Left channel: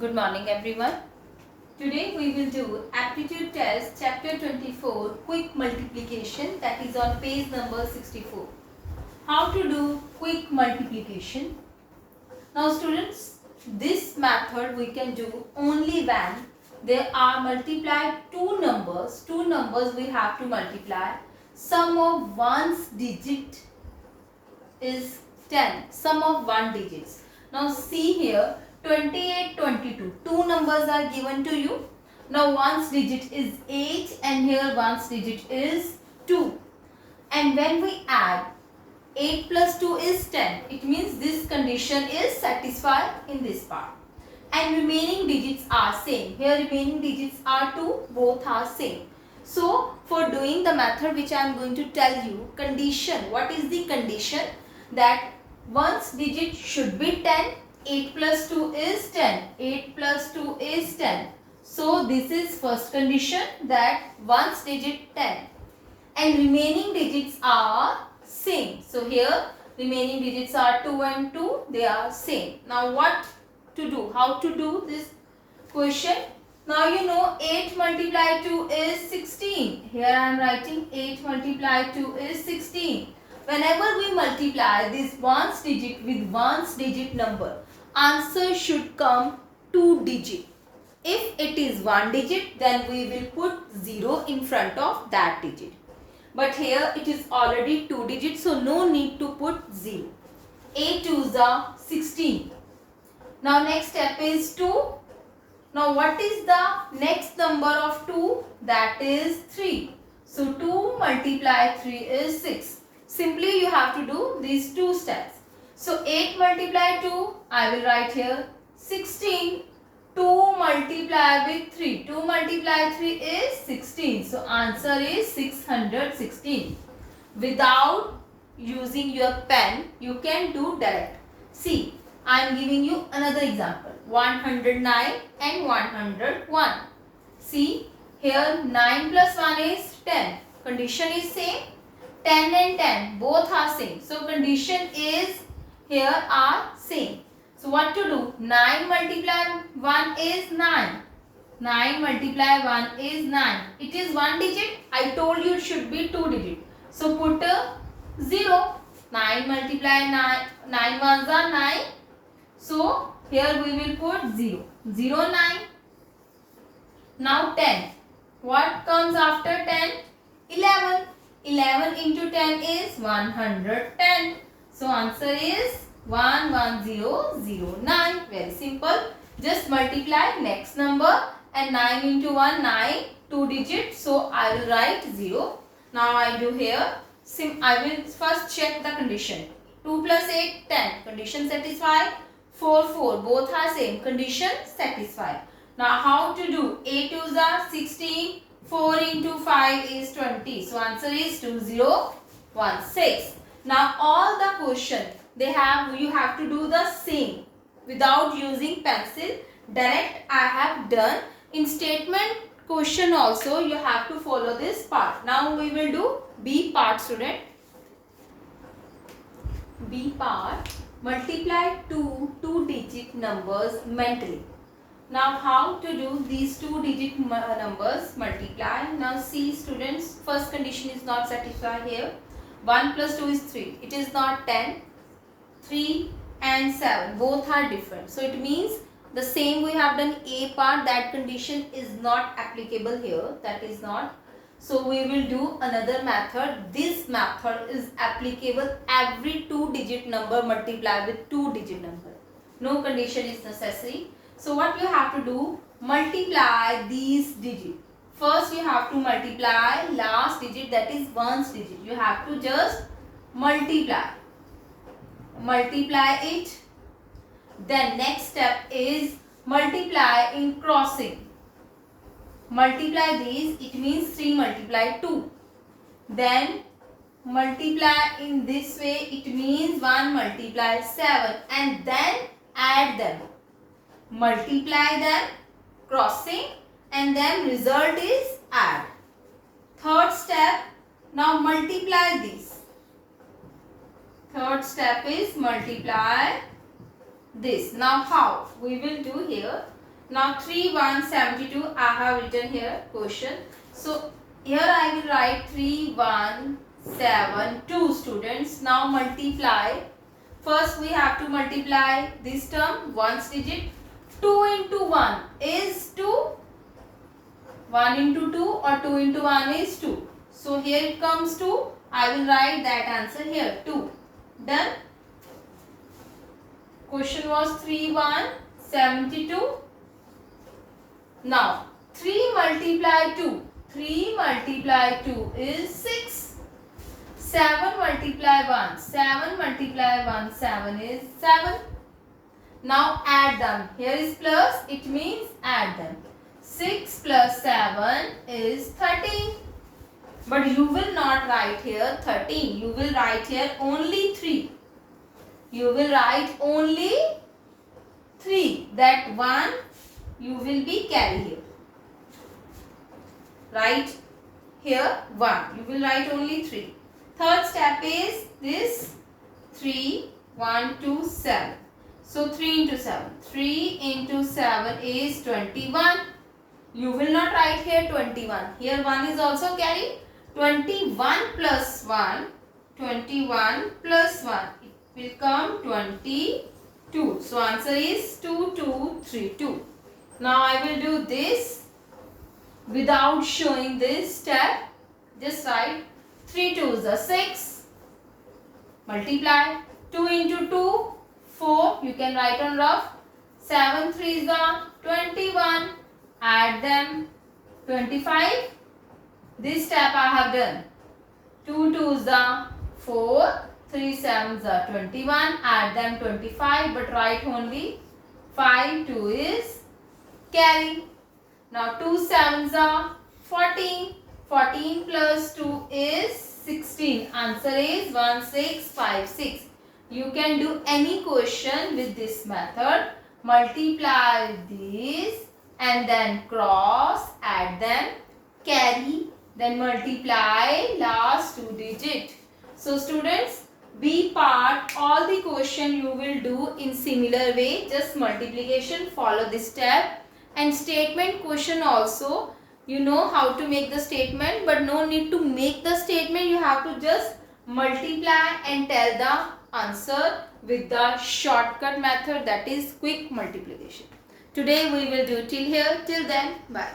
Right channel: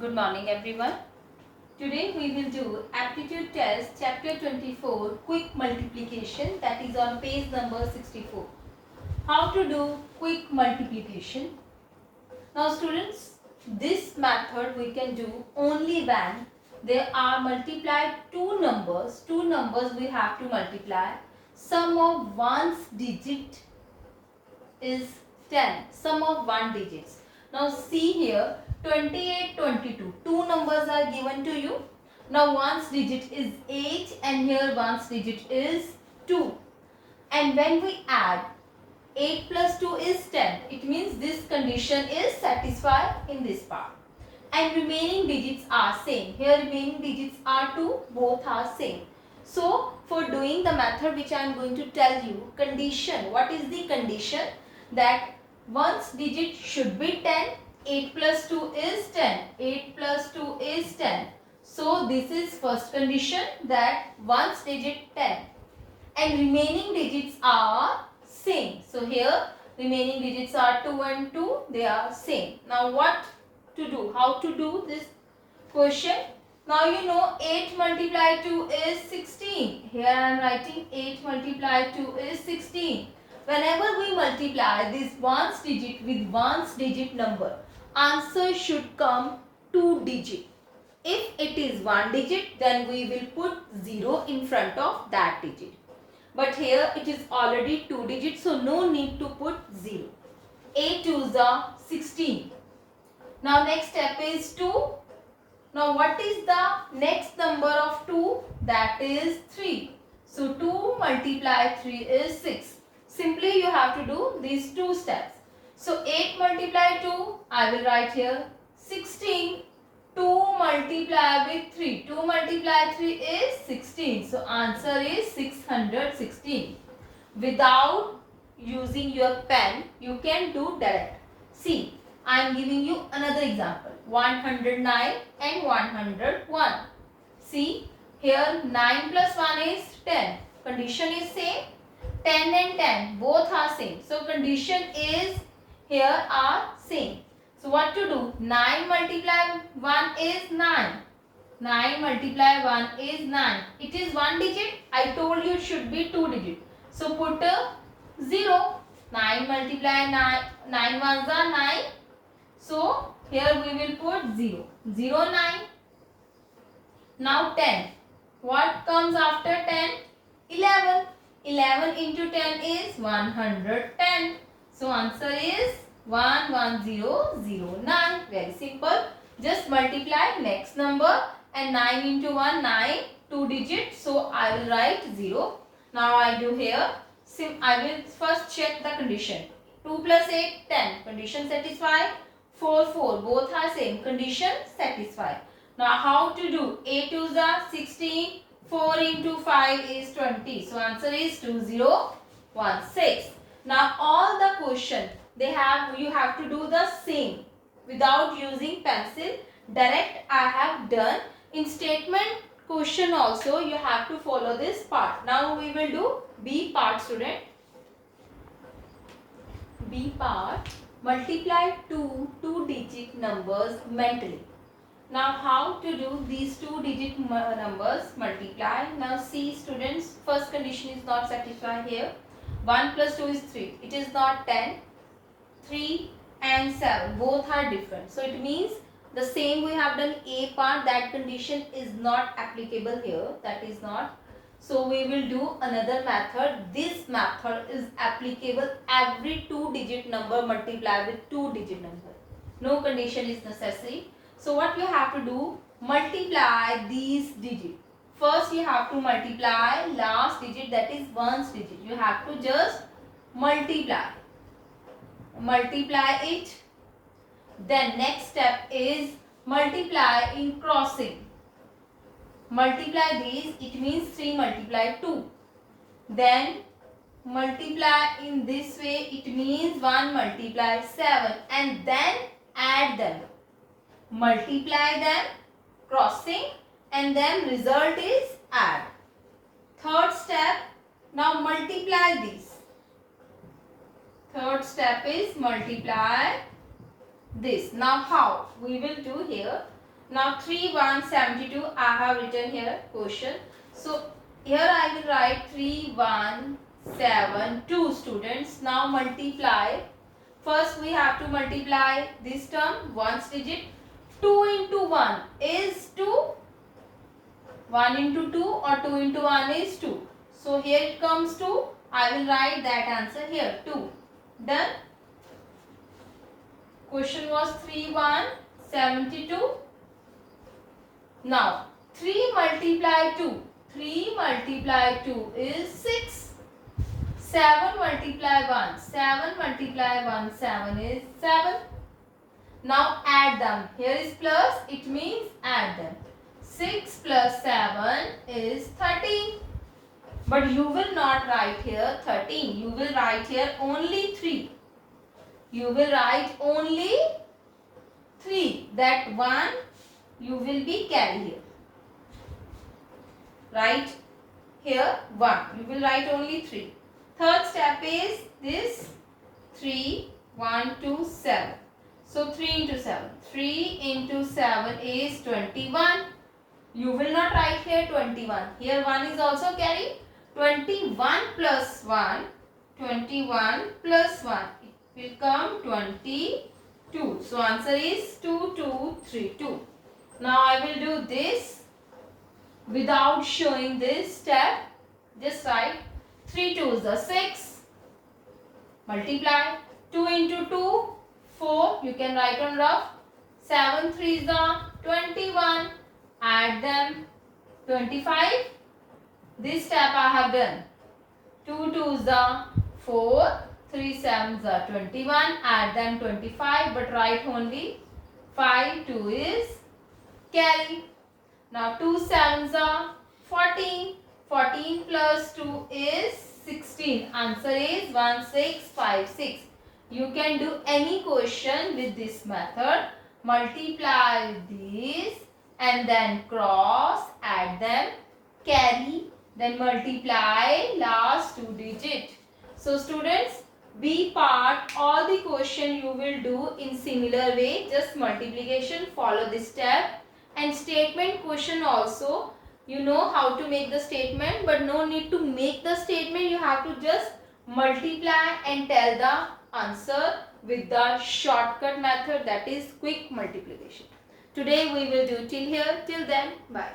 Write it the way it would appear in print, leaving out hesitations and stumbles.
Good morning everyone. Today we will do aptitude test chapter 24 quick multiplication, that is on page number 64. How to do quick multiplication. Now students, this method we can do only when there are multiplied two numbers we have to multiply. Sum of one's digit is 10. Sum of one digits. Now see here, 28, 22. Two numbers are given to you. Now one's digit is 8 and here one's digit is 2. And when we add 8 plus 2 is 10. It means this condition is satisfied in this part. And remaining digits are same. Here remaining digits are 2. Both are same. So for doing the method which I am going to tell you, condition. What is the condition? That one's digit should be 10. 8 plus 2 is 10. 8 plus 2 is 10. So this is first condition, that one's digit 10. And remaining digits are same. So here remaining digits are 2 and 2. They are same. Now what to do? How to do this question? Now you know 8 multiplied 2 is 16. Here I am writing 8 multiplied 2 is 16. Whenever we multiply this one's digit with one's digit number, answer should come 2 digit. If it is 1 digit, then we will put 0 in front of that digit. But here it is already 2 digits, so no need to put 0. 8 2s are 16. Now next step is 2. Now what is the next number of 2? That is 3. So 2 multiplied 3 is 6. Simply you have to do these two steps. So 8 multiplied 2, I will write here 16. 2 multiplied with 3. 2 multiplied 3 is 16. So answer is 616. Without using your pen, you can do direct. See, I am giving you another example. 109 and 101. See, here 9 plus 1 is 10. Condition is same. 10 and 10 both are same. So condition is here are same. So what to do? 9 multiply 1 is 9. 9 multiply 1 is 9. It is 1 digit. I told you it should be 2 digit. So put a 0. 9 multiply 9. 9 ones are 9. So here we will put 0. 0 9. Now 10. What comes after 10? 11. 11 into 10 is 110. So answer is 11009. Very simple. Just multiply next number, and 9 into 1 9, 2 digits. So I will write 0. Now I do here. I will first check the condition. 2 plus 8 10. Condition satisfied. 4 4 both are same. Condition satisfied. Now how to do? 8 2s are 16. 4 into 5 is 20. So answer is 2016. Now all the question you have to do the same without using pencil. Direct I have done. In statement question also you have to follow this part. Now we will do B part, student. B part, multiply two digit numbers mentally. Now how to do these 2 digit numbers multiply? Now see students, first condition is not satisfied here. 1 plus 2 is 3. It is not 10. 3 and 7 both are different. So it means the same we have done A part, that condition is not applicable here. That is not. So we will do another method. This method is applicable every 2 digit number multiply with 2 digit number. No condition is necessary. So what you have to do? Multiply these digits. First you have to multiply last digit, that is one's digit. You have to just multiply it. Then next step is multiply in crossing. Multiply these, it means 3 multiply 2. Then multiply in this way, it means 1 multiply 7, and then add them. Multiply them, crossing, and then result is add. Third step, now multiply this. Third step is multiply this. Now how? We will do here. Now 3 1 72 I have written here question. So here I will write 3 1 7 2 students. Now multiply. First we have to multiply this term one's digit. 2 into 1 is 2. 1 into 2 or 2 into 1 is 2. So here it comes 2. I will write that answer here 2. Done. Question was 3 1 72. Now 3 multiply 2. 3 multiply 2 is 6. 7 multiply 1. 7 multiply 1. 7 is 7. Now add them. Here is plus. It means add them. 6 plus 7 is 13. But you will not write here 13. You will write here only 3. You will write only 3. That 1 you will be carry here. Write here 1. You will write only 3. Third step is this 3, 1, 2, 7. So 3 into 7. 3 into 7 is 21. You will not write here 21. Here 1 is also carried. 21 plus 1. 21 plus 1. It will come 22. So answer is 2, 2, 3, 2. Now I will do this without showing this step. Just write 3 2s are 6. Multiply. 2 into 2, 4. You can write on rough. 7 3s are 21. Add them. 25. This step I have done. 2 2s are 4. 3 7s are 21. Add them 25. But write only 5. 2 is carry. Now 2 7s are 14. 14 plus 2 is 16. Answer is 1 6 5 6. You can do any question with this method. Multiply this and then cross, add them, carry, then multiply last 2 digit. So students, B part, all the question you will do in similar way. Just multiplication, follow this step. And statement question also, you know how to make the statement, but no need to make the statement. You have to just multiply and tell the answer with the shortcut method, that is quick multiplication. Today we will do till here. Till then, bye.